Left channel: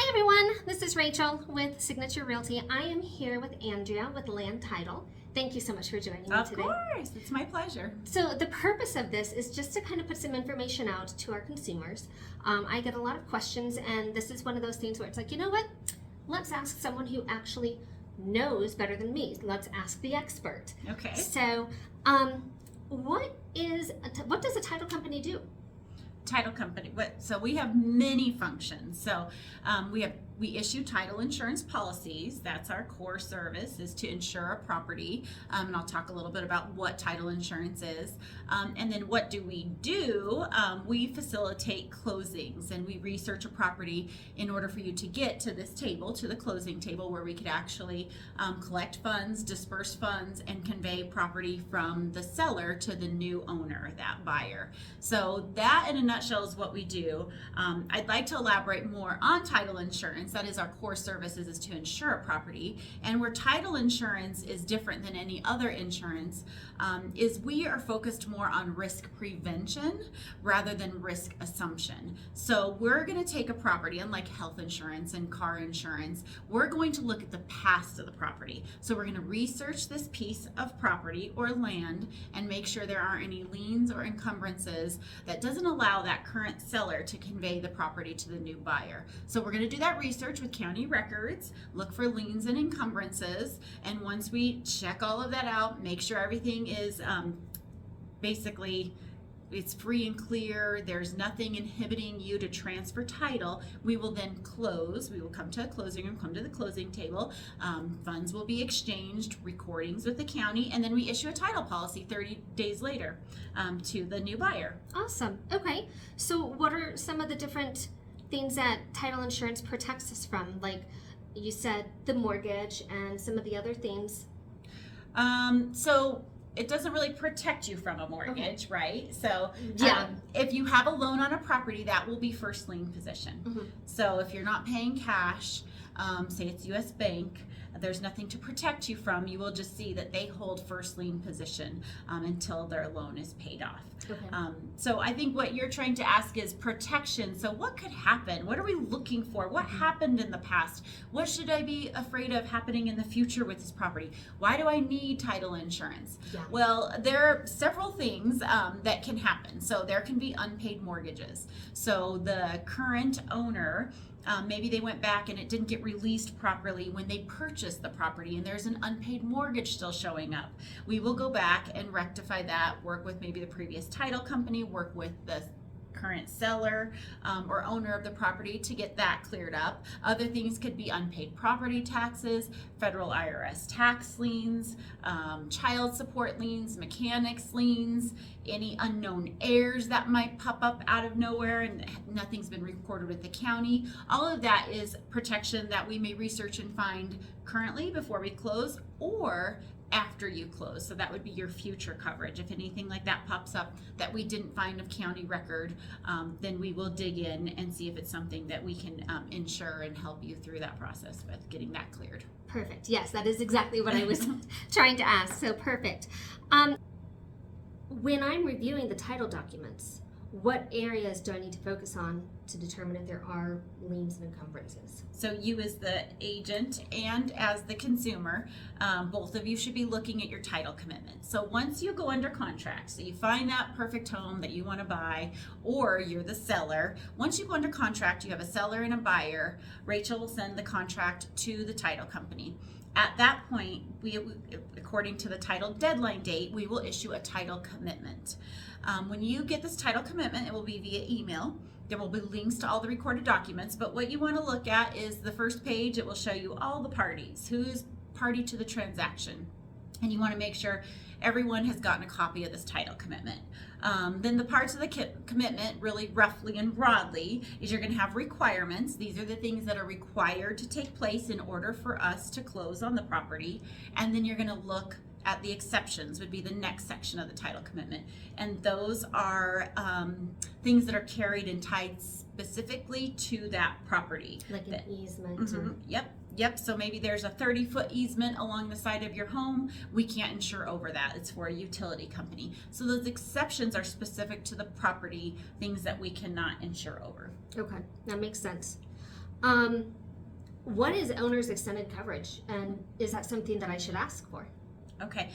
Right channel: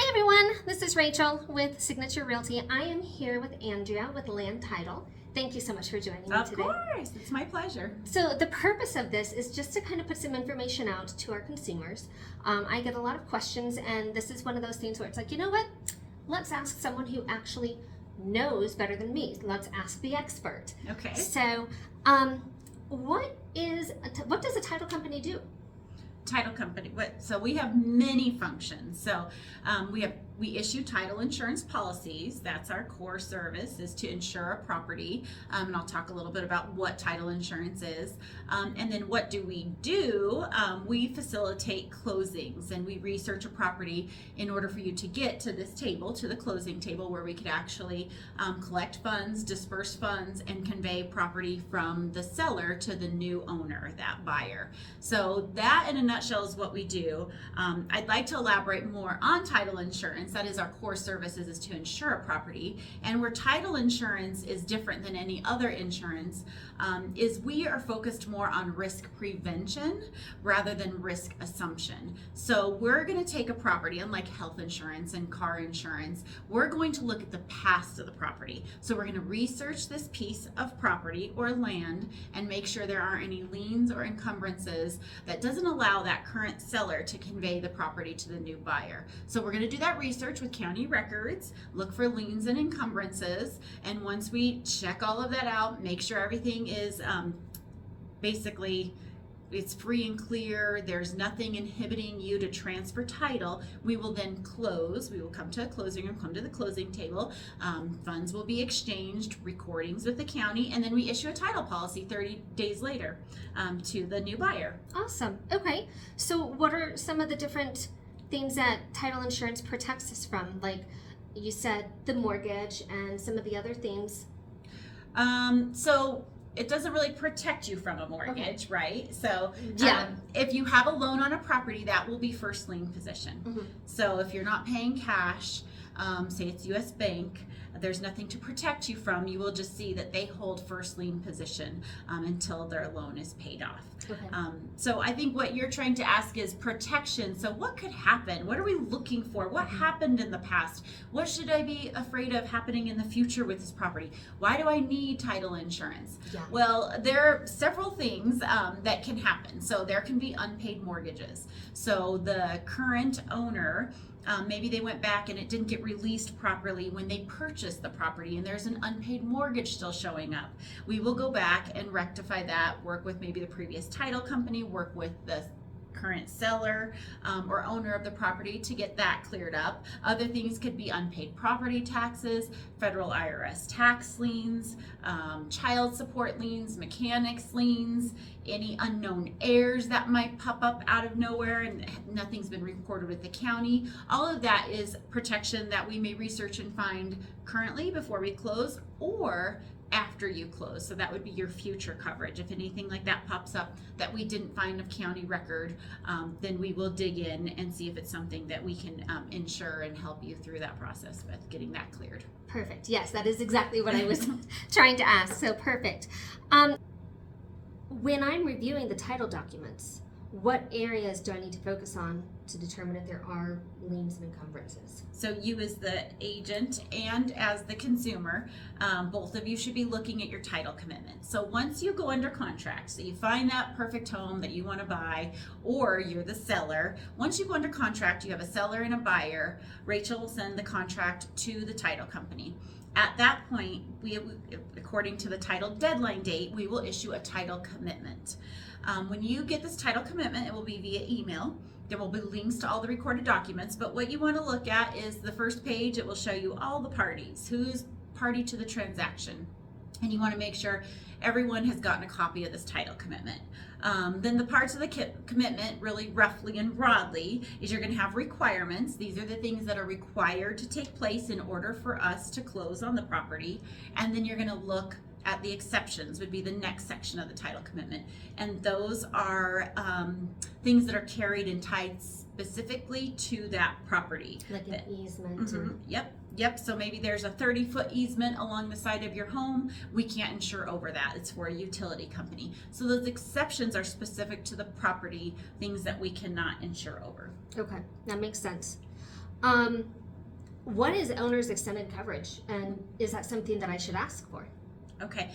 Hi everyone, this is Rachel with Signature Realty. I am here with Andrea with Land Title. Thank you so much for joining me today. Of course, it's my pleasure. So the purpose of this is just to kind of put some information out to our consumers. I get a lot of questions, and this is one of those things where it's like, you know what? Let's ask someone who actually knows better than me. Let's ask the expert. Okay. So what does a title company do? Title company. So we have many functions. So we issue title insurance policies. That's our core service, is to insure a property. And I'll talk a little bit about what title insurance is. And then what do? We facilitate closings, and we research a property in order for you to get to this table, to the closing table, where we could actually collect funds, disperse funds, and convey property from the seller to the new owner, that buyer. So that in a nutshell is what we do. I'd like to elaborate more on title insurance. That is our core service, is to insure a property. And where title insurance is different than any other insurance is we are focused more on risk prevention rather than risk assumption. So we're going to take a property, unlike health insurance and car insurance, we're going to look at the past of the property. So we're going to research this piece of property or land and make sure there aren't any liens or encumbrances that doesn't allow that current seller to convey the property to the new buyer. So we're going to do that research with county records, look for liens and encumbrances, and once we check all of that out, make sure everything is basically it's free and clear, there's nothing inhibiting you to transfer title, we will then close. We will come to a closing room, come to the closing table, funds will be exchanged, recordings with the county, and then we issue a title policy 30 days later to the new buyer. Awesome. Okay. So what are some of the different things that title insurance protects us from? Like you said, the mortgage and some of the other things. So it doesn't really protect you from a mortgage, okay, right? So yeah, if you have a loan on a property, that will be first lien position. Mm-hmm. So if you're not paying cash, say it's U.S. Bank, there's nothing to protect you from. You will just see that they hold first lien position until their loan is paid off. Okay. So I think what you're trying to ask is protection. So what could happen? What are we looking for? What happened in the past? What should I be afraid of happening in the future with this property? Why do I need title insurance? Yeah. Well, there are several things that can happen. So there can be unpaid mortgages. So the current owner, maybe they went back and it didn't get released properly when they purchased the property, and there's an unpaid mortgage still showing up. We will go back and rectify that, work with maybe the previous title company, work with the current seller or owner of the property to get that cleared up. Other things could be unpaid property taxes, federal IRS tax liens, child support liens, mechanics liens, any unknown heirs that might pop up out of nowhere and nothing's been recorded with the county. All of that is protection that we may research and find currently before we close or after you close. So that would be your future coverage. If anything like that pops up that we didn't find of county record, then we will dig in and see if it's something that we can insure and help you through that process with getting that cleared. Perfect. Yes, that is exactly what I was trying to ask. So perfect. When I'm reviewing the title documents, what areas do I need to focus on to determine if there are liens and encumbrances? So you as the agent and as the consumer, both of you should be looking at your title commitment. So once you go under contract, so you find that perfect home that you want to buy, or you're the seller, once you go under contract, you have a seller and a buyer, Rachel will send the contract to the title company. At that point, we, according to the title deadline date, we will issue a title commitment. When you get this title commitment, it will be via email. There will be links to all the recorded documents, but what you want to look at is the first page. It will show you all the parties, who's party to the transaction, and you want to make sure everyone has gotten a copy of this title commitment. Then the parts of the commitment, really roughly and broadly, is you're going to have requirements. These are the things that are required to take place in order for us to close on the property, and then you're going to look at the exceptions, would be the next section of the title commitment, and those are things that are carried and tied specifically to that property, like an easement. Mm-hmm. Yep. So maybe there's a 30-foot easement along the side of your home. We can't insure over that. It's for a utility company. So those exceptions are specific to the property, things that we cannot insure over. Okay, that makes sense. What is owner's extended coverage, and is that something that I should ask for? Okay.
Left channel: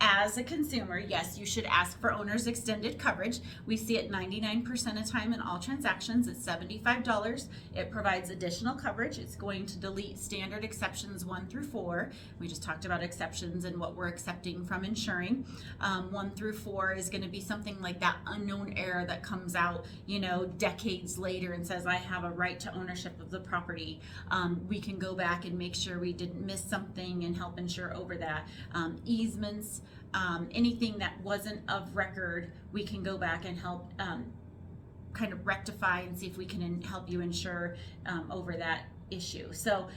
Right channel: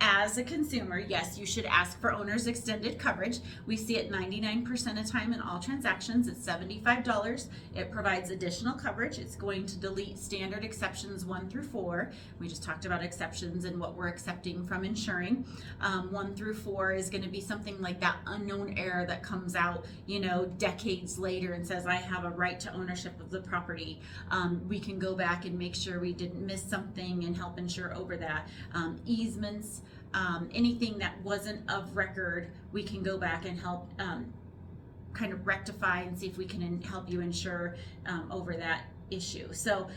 As a consumer, yes, you should ask for owner's extended coverage. We see it 99% of time in all transactions. It's $75. It provides additional coverage. It's going to delete standard exceptions 1 through 4. We just talked about exceptions and what we're accepting from insuring. 1 through 4 is going to be something like that unknown error that comes out, decades later and says, I have a right to ownership of the property. We can go back and make sure we didn't miss something and help insure over that. Easements, anything that wasn't of record, we can go back and help kind of rectify and see if we can help you insure over that issue. So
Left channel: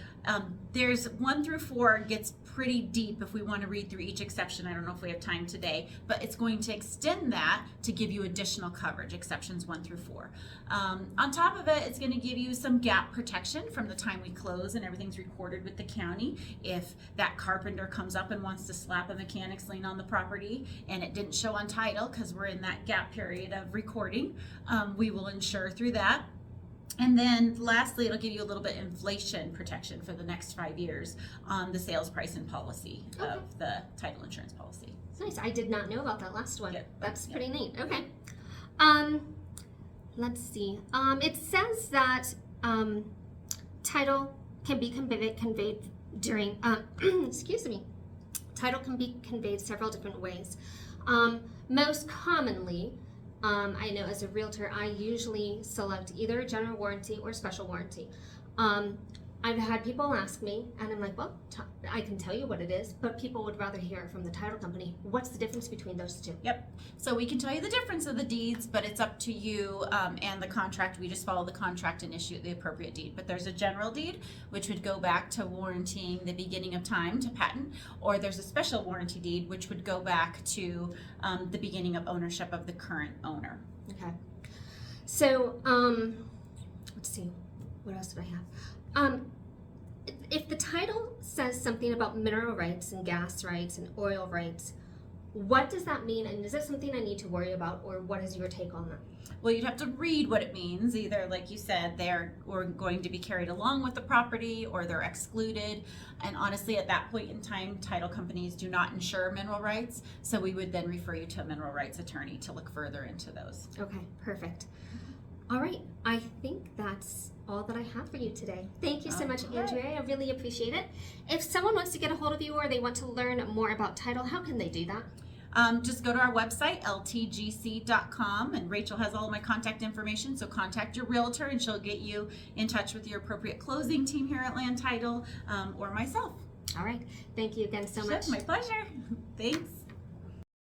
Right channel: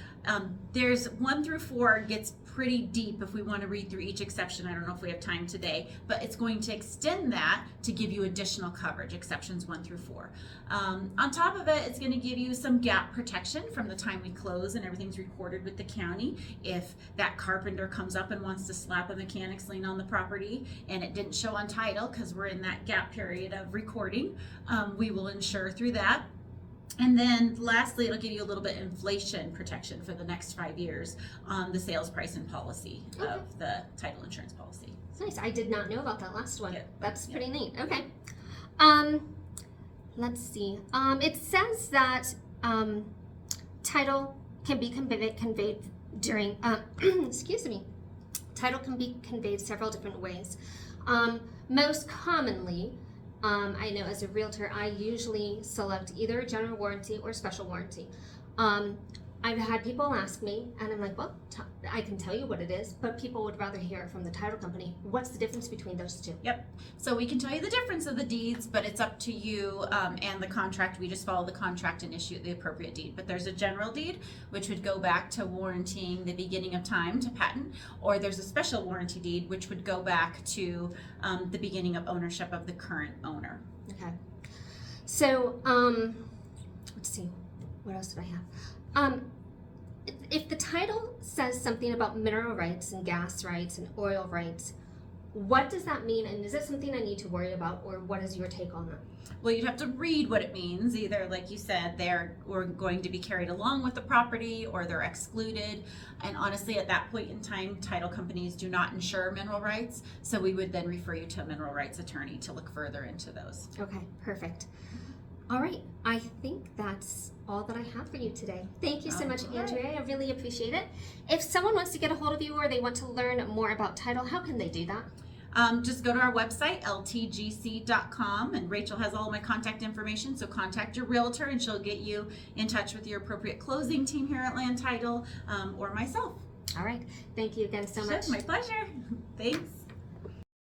there's 1 through 4 gets pretty deep if we want to read through each exception. I don't know if we have time today, but it's going to extend that to give you additional coverage, exceptions 1 through 4. On top of it, it's going to give you some gap protection from the time we close and everything's recorded with the county. If that carpenter comes up and wants to slap a mechanic's lien on the property and it didn't show on title because we're in that gap period of recording, we will insure through that. And then lastly, it'll give you a little bit inflation protection for the next 5 years on the sales price and policy of the title insurance policy. Nice. I did not know about that last one. Yep. That's pretty neat. Okay. Let's see. It says that title can be conveyed during, excuse me, title can be conveyed several different ways. Most commonly, I know as a realtor, I usually select either general warranty or special warranty. I've had people ask me, and I'm like, well, I can tell you what it is, but people would rather hear it from the title company. What's the difference between those two? Yep. So we can tell you the difference of the deeds, but it's up to you and the contract. We just follow the contract and issue the appropriate deed. But there's a general deed, which would go back to warranting the beginning of time to patent, or there's a special warranty deed, which would go back to the beginning of ownership of the current owner. Okay. So, let's see. What else did I have? If the title says something about mineral rights and gas rights and oil rights, what does that mean? And is it something I need to worry about, or what is your take on that? Well, you'd have to read what it means. Either, like you said, they're going to be carried along with the property or they're excluded. And honestly, at that point in time, title companies do not insure mineral rights. So we would then refer you to a mineral rights attorney to look further into those. Okay, perfect. All right, I think that's all that I have for you today. Thank you so much, Andrea. I really appreciate it. If someone wants to get a hold of you or they want to learn more about title, how can they do that? Just go to our website, ltgc.com, and Rachel has all my contact information, so contact your realtor and she'll get you in touch with your appropriate closing team here at Land Title or myself. All right. Thank you again so much. My pleasure. Thanks.